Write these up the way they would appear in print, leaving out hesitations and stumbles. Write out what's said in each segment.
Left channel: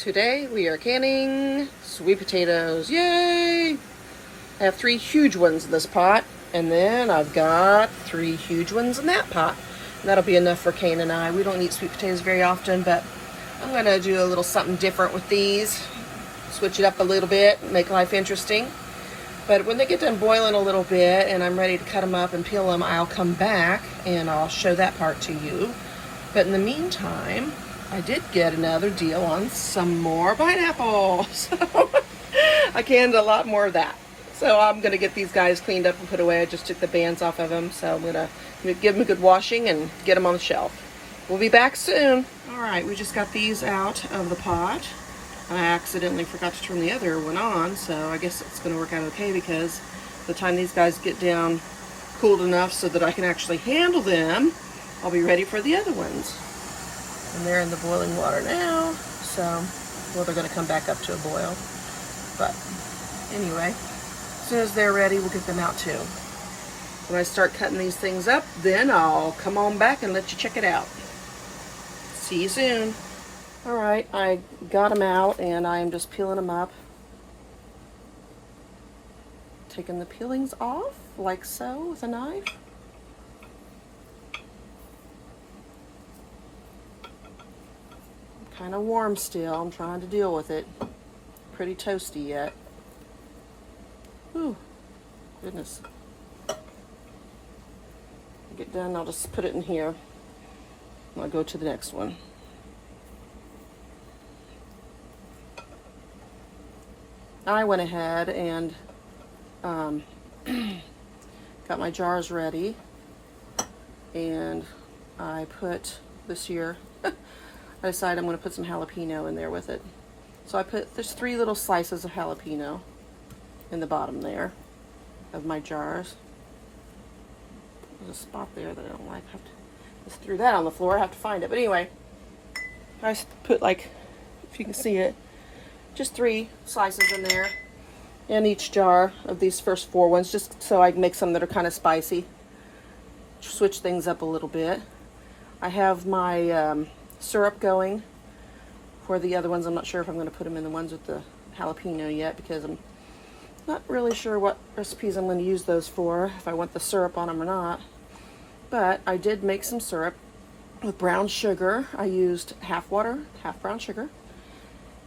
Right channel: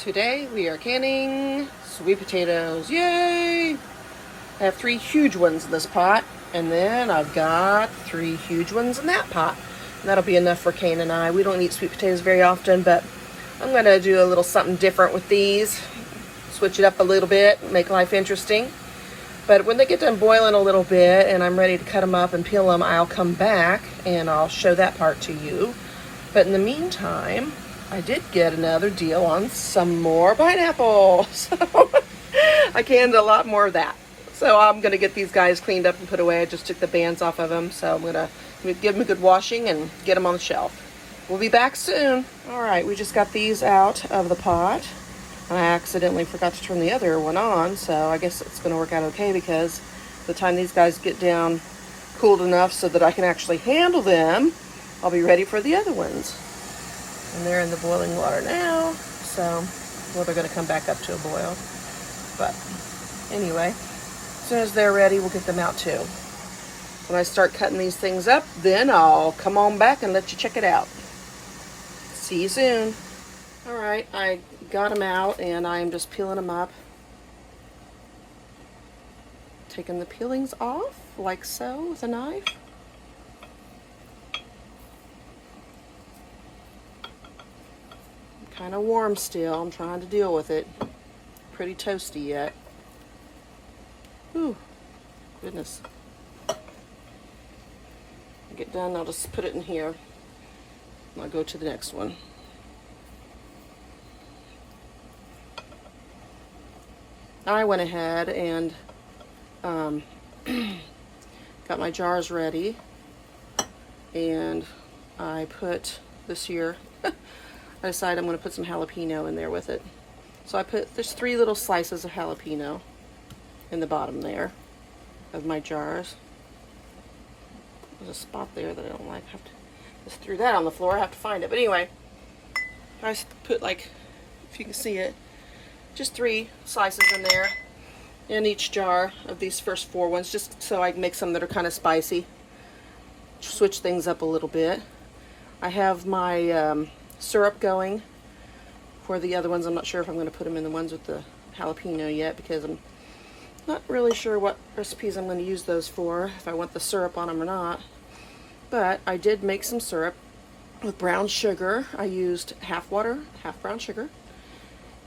Today we are canning sweet potatoes. Yay! I have 3 huge ones in this pot, and then I've got 3 huge ones in that pot. And that'll be enough for Kane and I. We don't eat sweet potatoes very often, but I'm going to do a little something different with these. Switch it up a little bit, make life interesting. But when they get done boiling a little bit and I'm ready to cut them up and peel them, I'll come back and I'll show that part to you. But in the meantime, I did get another deal on some more pineapple. So I canned a lot more of that. So I'm going to get these guys cleaned up and put away. I just took the bands off of them. So I'm going to give them a good washing and get them on the shelf. We'll be back soon. All right, we just got these out of the pot. I accidentally forgot to turn the other one on. So I guess it's going to work out okay because by the time these guys get down cooled enough so that I can actually handle them, I'll be ready for the other ones. And they're in the boiling water now, so well, they're going to come back up to a boil. But anyway, as soon as they're ready, we'll get them out too. When I start cutting these things up, then I'll come on back and let you check it out. See you soon. All right, I got them out and I am just peeling them up. Taking the peelings off, like so, with a knife. Kind of warm still. I'm trying to deal with it. Pretty toasty yet. Ooh, goodness. When I get done, I'll just put it in here. And I'll go to the next one. I went ahead and got my jars ready. And I put this year I decided I'm going to put some jalapeno in there with it. So there's 3 little slices of jalapeno in the bottom there of my jars. There's a spot there that I don't like. I have to just threw that on the floor. I have to find it. But anyway, I put, like, if you can see it, just 3 slices in there in each jar of these first 4 ones, just so I can make some that are kind of spicy. Switch things up a little bit. I have my syrup going for the other ones. I'm not sure if I'm going to put them in the ones with the jalapeno yet because I'm not really sure what recipes I'm going to use those for, if I want the syrup on them or not. But I did make some syrup with brown sugar. I used half water, half brown sugar.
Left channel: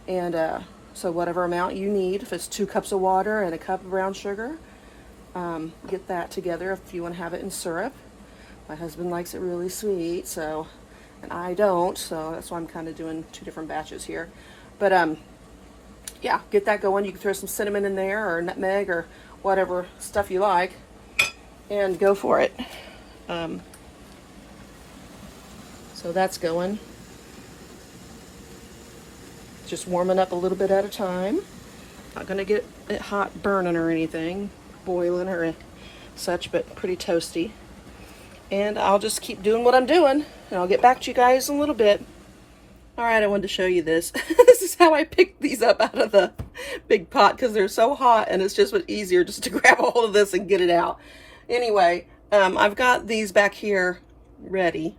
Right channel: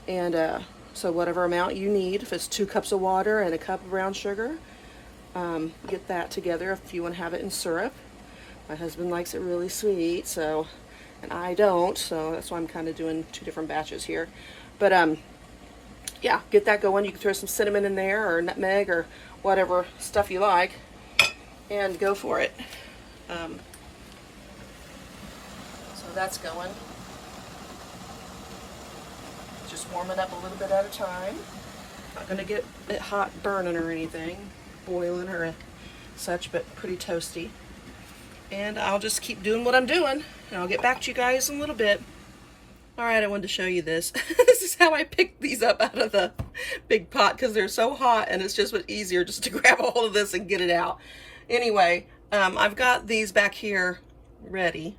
And so whatever amount you need, if it's 2 cups of water and a cup of brown sugar, get that together if you want to have it in syrup. My husband likes it really sweet, so, and I don't, so that's why I'm kind of doing 2 different batches here. But yeah, get that going. You can throw some cinnamon in there or nutmeg or whatever stuff you like and go for it. So that's going. Just warming up a little bit at a time. Not going to get it hot burning or anything, boiling or such, but pretty toasty. And I'll just keep doing what I'm doing, and I'll get back to you guys in a little bit. All right, I wanted to show you this. This is how I picked these up out of the big pot because they're so hot, and it's just easier just to grab a hold of this and get it out. Anyway, I've got these back here ready.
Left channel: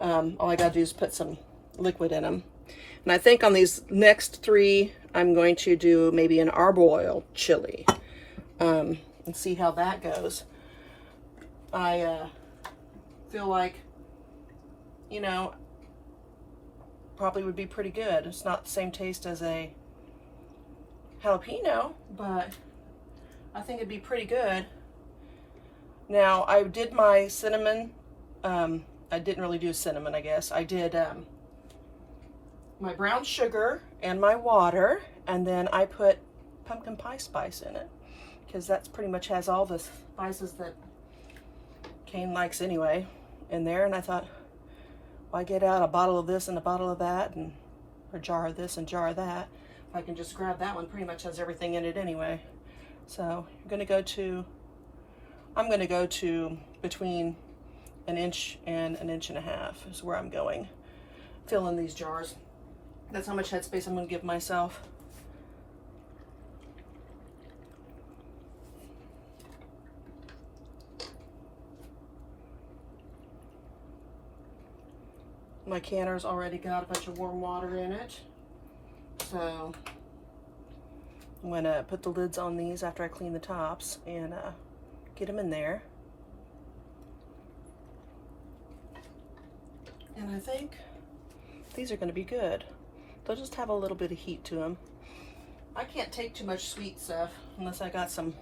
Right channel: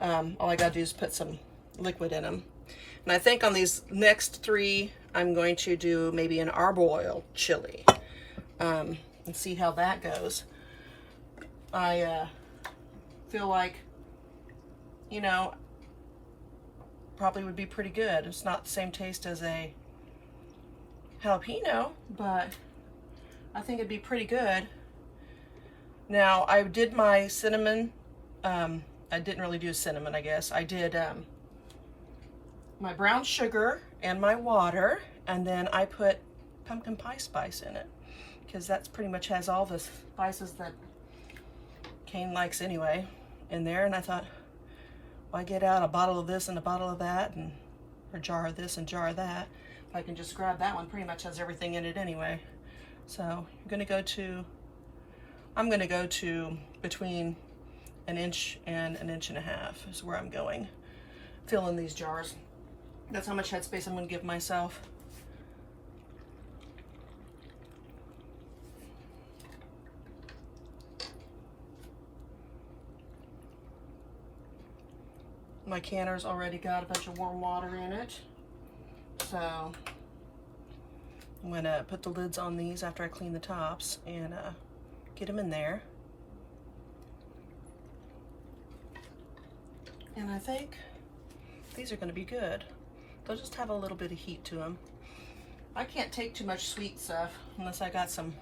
All I gotta do is put some liquid in them. And I think on these next 3, I'm going to do maybe an arboil chili and see how that goes. I feel like, you know, probably would be pretty good. It's not the same taste as a jalapeno, but I think it'd be pretty good. Now, I did my cinnamon. I didn't really do cinnamon, I guess. I did my brown sugar and my water, and then I put pumpkin pie spice in it because that's pretty much has all the spices that Kane likes anyway in there. And I thought, why get out a bottle of this and a bottle of that, and a jar of this and jar of that, if I can just grab that one. Pretty much has everything in it anyway. So I'm gonna go to between 1 inch and 1.5 inches is where I'm going. Fill in these jars. That's how much headspace I'm gonna give myself. My canner's already got a bunch of warm water in it. So I'm gonna put the lids on these after I clean the tops and get them in there. And I think these are gonna be good. They'll just have a little bit of heat to them. I can't take too much sweet stuff unless I got some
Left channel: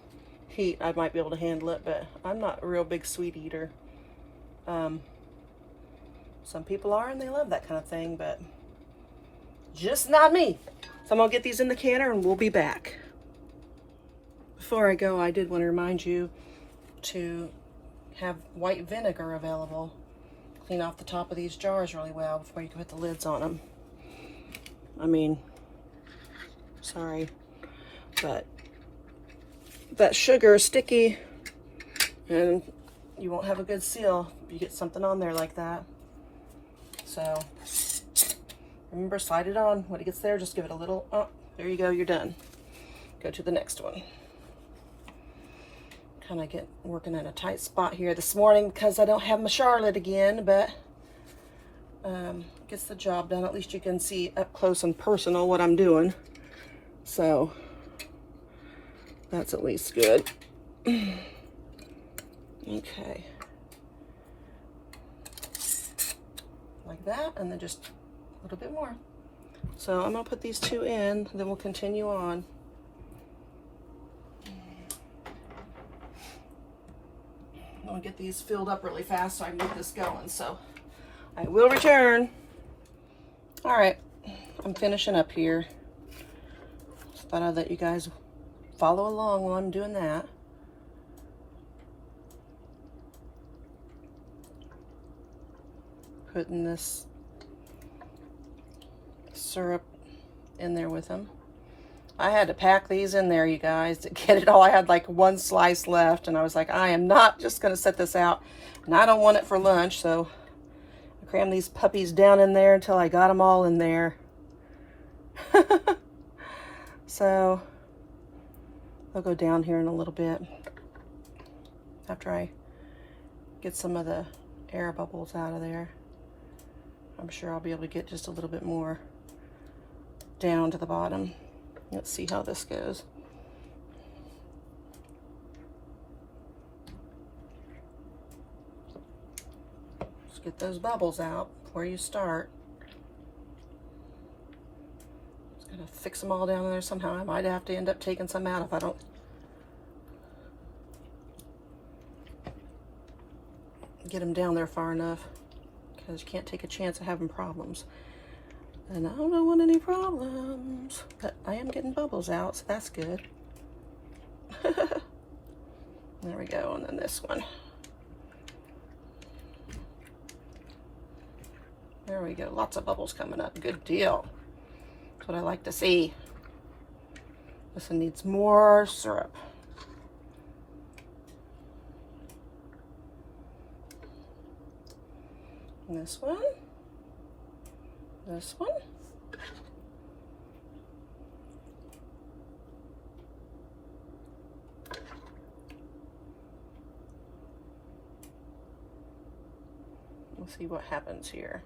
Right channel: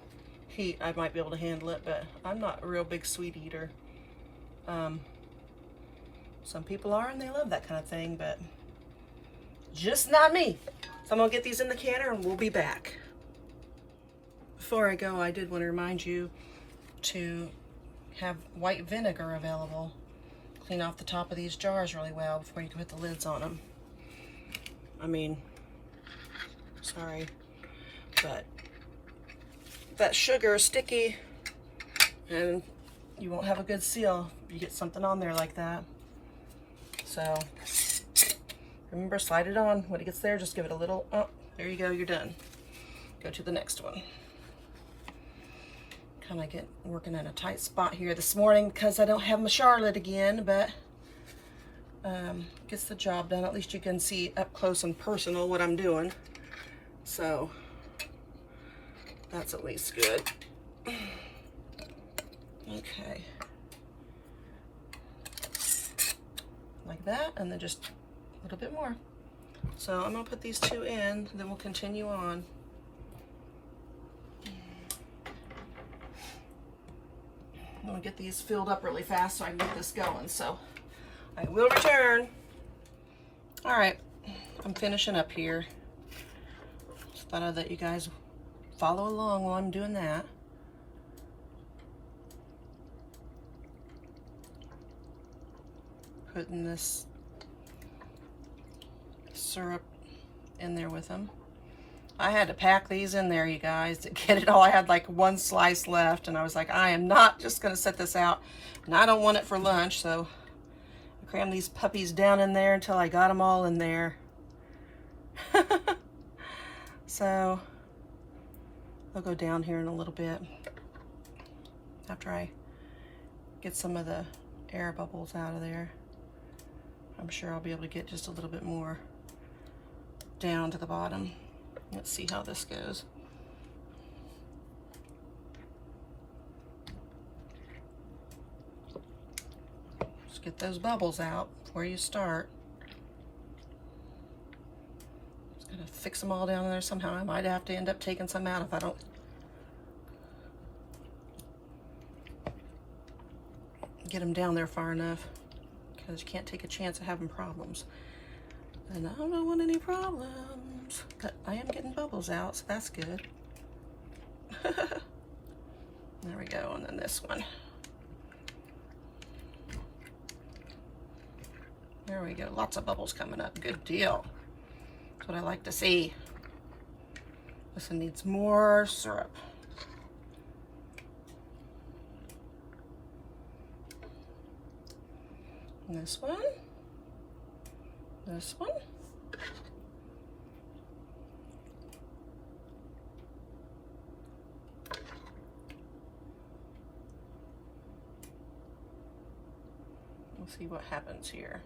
heat. I might be able to handle it, but I'm not a real big sweet eater. Some people are and they love that kind of thing, but just not me. So I'm gonna get these in the canner and we'll be back. Before I go, I did want to remind you to have white vinegar available. Clean off the top of these jars really well before you can put the lids on them. I mean, sorry, but that sugar is sticky and you won't have a good seal if you get something on there like that. So remember, slide it on. When it gets there, just give it a little, oh, there you go, you're done. Go to the next one. Kind of working at a tight spot here this morning because I don't have my Charlotte again, but gets the job done. At least you can see up close and personal what I'm doing. So that's at least good. Okay. Like that, and then just a little bit more. So I'm gonna put these two in, then we'll continue on. I'm gonna get these filled up really fast so I can get this going. So I will return. All right, I'm finishing up here. Just thought I'd let you guys follow along while I'm doing that. Putting this syrup in there with them. I had to pack these in there, you guys, to get it all. I had like one slice left, and I was like, I am not just going to set this out, and I don't want it for lunch, so I crammed these puppies down in there until I got them all in there. So I'll go down here in a little bit after I get some of the air bubbles out of there. I'm sure I'll be able to get just a little bit more down to the bottom. Let's see how this goes. Just get those bubbles out before you start. Just gotta fix them all down in there somehow. I might have to end up taking some out if I don't get them down there far enough, because you can't take a chance of having problems. And I don't want any problems, but I am getting bubbles out, so that's good. There we go, and then this one. There we go, lots of bubbles coming up, good deal. That's what I like to see. This one needs more syrup. And this one. This one. We'll see what happens here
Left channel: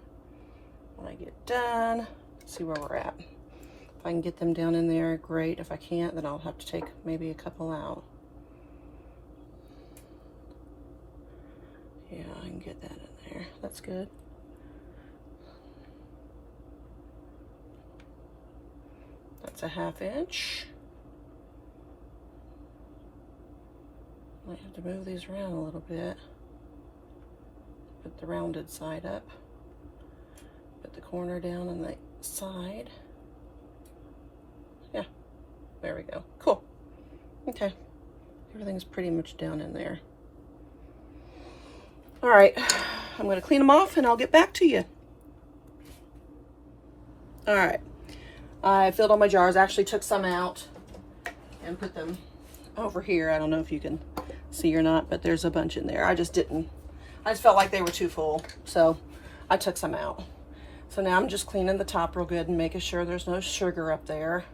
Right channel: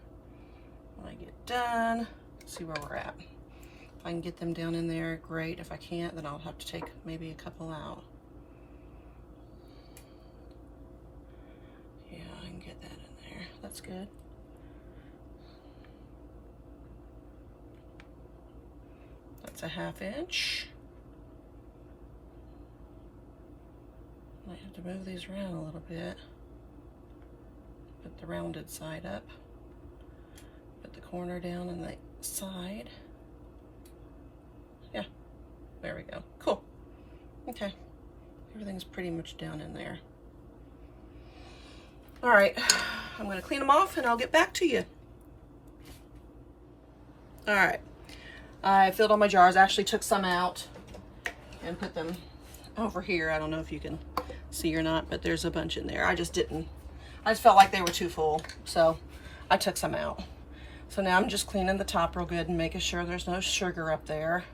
when I get done. See where we're at. If I can get them down in there, great. If I can't, then I'll have to take maybe a couple out. Yeah, I can get that in there. That's good. That's a 1/2 inch. Might have to move these around a little bit. Put the rounded side up. Put the corner down on the side. Yeah, there we go. Cool. Okay, everything's pretty much down in there. All right, I'm gonna clean them off and I'll get back to you. All right, I filled all my jars. I actually took some out and put them over here. I don't know if you can see or not, but there's a bunch in there. I just felt like they were too full, so I took some out. So now I'm just cleaning the top real good and making sure there's no sugar up there.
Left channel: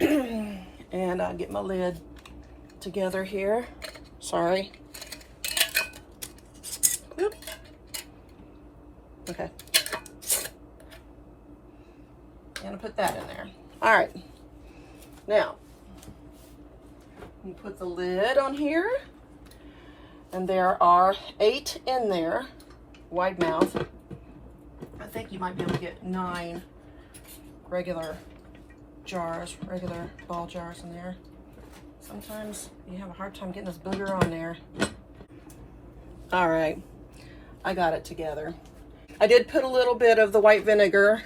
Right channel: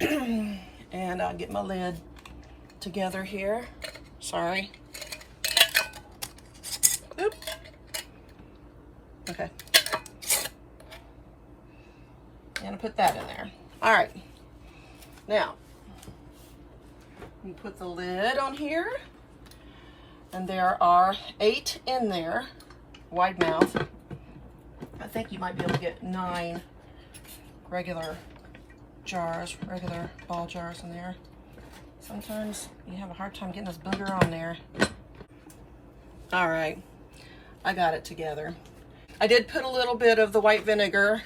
And I'll get my lid together here. Sorry. Oop. Okay. I'm gonna put that in there. All right, now you put the lid on here, and there are 8 in there, wide mouth. I think you might be able to get 9 regular jars, regular ball jars in there. Sometimes you have a hard time getting this booger on there. All right, I got it together. I did put a little bit of the white vinegar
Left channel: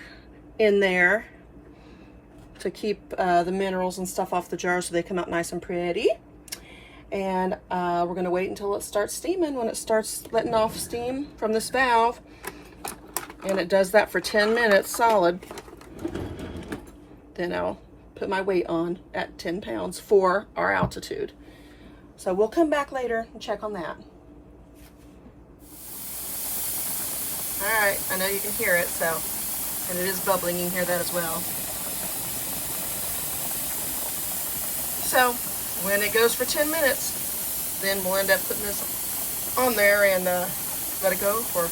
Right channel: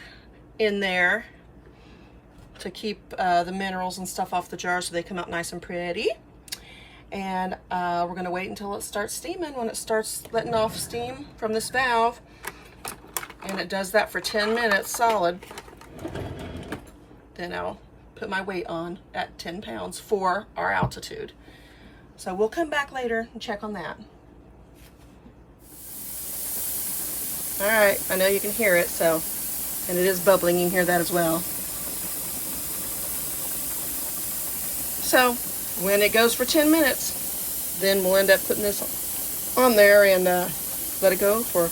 in there to keep the minerals and stuff off the jar so they come out nice and pretty. And we're gonna wait until it starts steaming. When it starts letting off steam from this valve, and it does that for 10 minutes solid, then I'll put my weight on at 10 pounds for our altitude. So we'll come back later and check on that. All right, I know you can hear it, so, and it is bubbling, you can hear that as well. So when it goes for 10 minutes, then we'll end up putting this on there and let it go for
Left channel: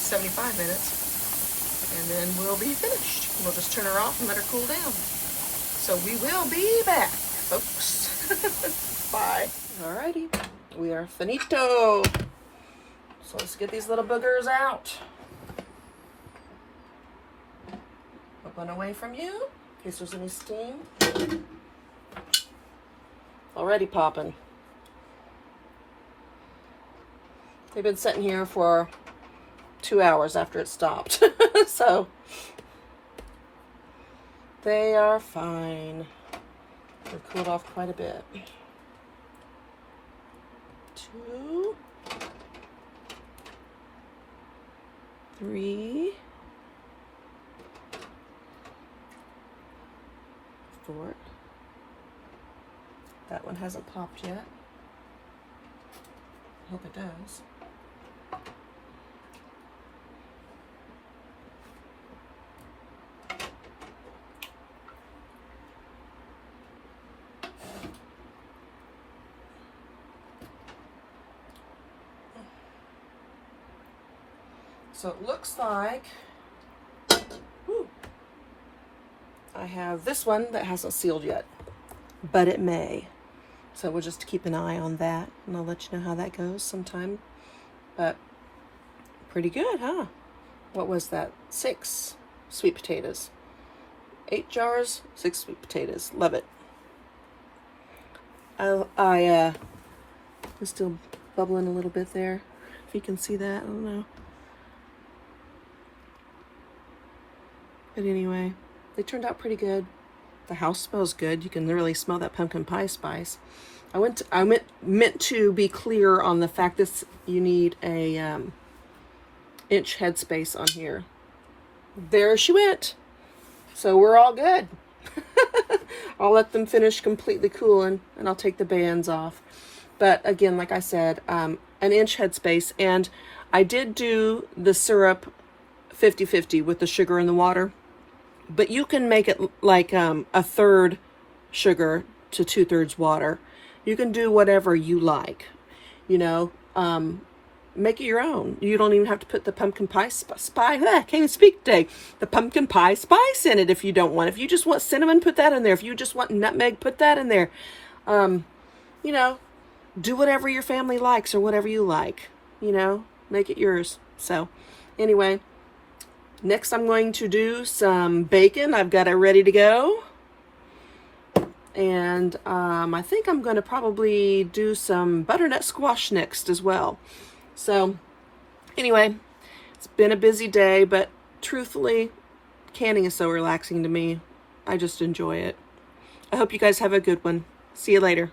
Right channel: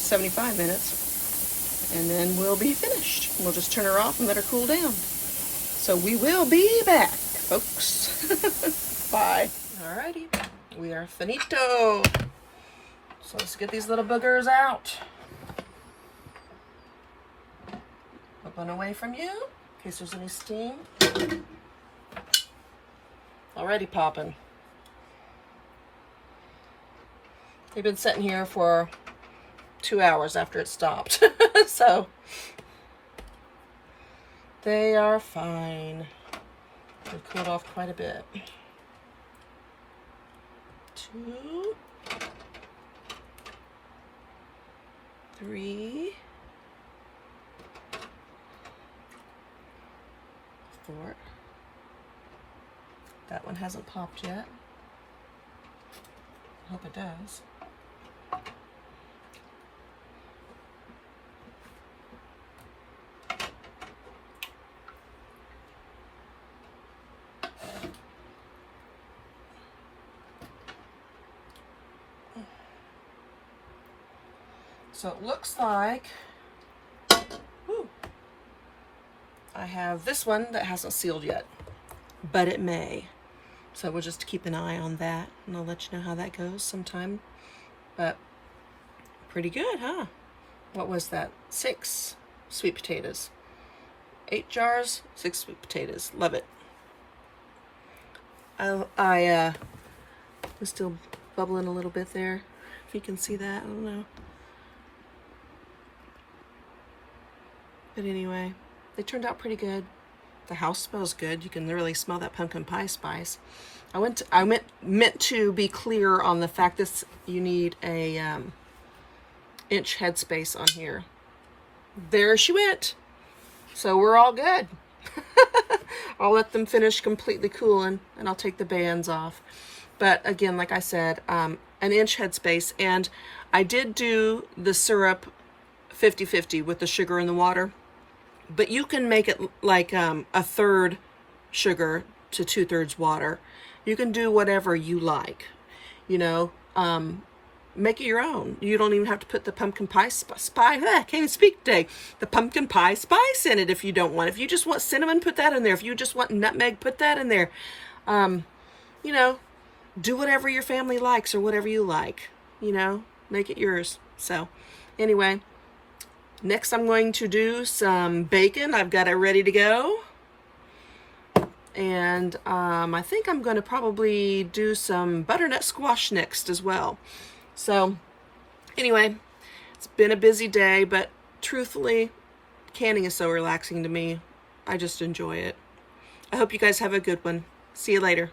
75 minutes, and then we'll be finished. We'll just turn her off and let her cool down. So we will be back, folks. Bye. Alrighty, we are finito. So let's get these little boogers out. Look one away from you, in case there's any steam. Already popping. They've been sitting here for 2 hours after it stopped. So they are fine. They've cooled off quite a bit. 2, 3, 4. That one hasn't popped yet. I hope it does. So it looks like, whew, I have this one that hasn't sealed yet, but it may. So we'll just keep an eye on that, and I'll let you know how that goes sometime. But pretty good, huh? What was that? 6 sweet potatoes. 8 jars, 6 sweet potatoes. Love it. It's still bubbling a little bit there. If you can see that, I don't know. But anyway, they turned out pretty good. The house smells good. You can really smell that pumpkin pie spice. I meant to be clear on the fact that you need a inch headspace on here. There she went. So we're all good. I'll let them finish completely cooling, and I'll take the bands off. But again, like I said, an inch headspace, and I did do the syrup 50-50 with the sugar and the water. But you can make it like a third sugar to 2/3 water. You can do whatever you like, you know, make it your own. You don't even have to put the pumpkin pie spice, can't even speak today, the pumpkin pie spice in it if you don't want. If you just want cinnamon, put that in there. If you just want nutmeg, put that in there. You know, do whatever your family likes or whatever you like, you know, make it yours. So anyway, next I'm going to do some bacon. I've got it ready to go. And I think I'm going to probably do some butternut squash next as well. So anyway, it's been a busy day, but truthfully, canning is so relaxing to me. I just enjoy it. I hope you guys have a good one. See you later.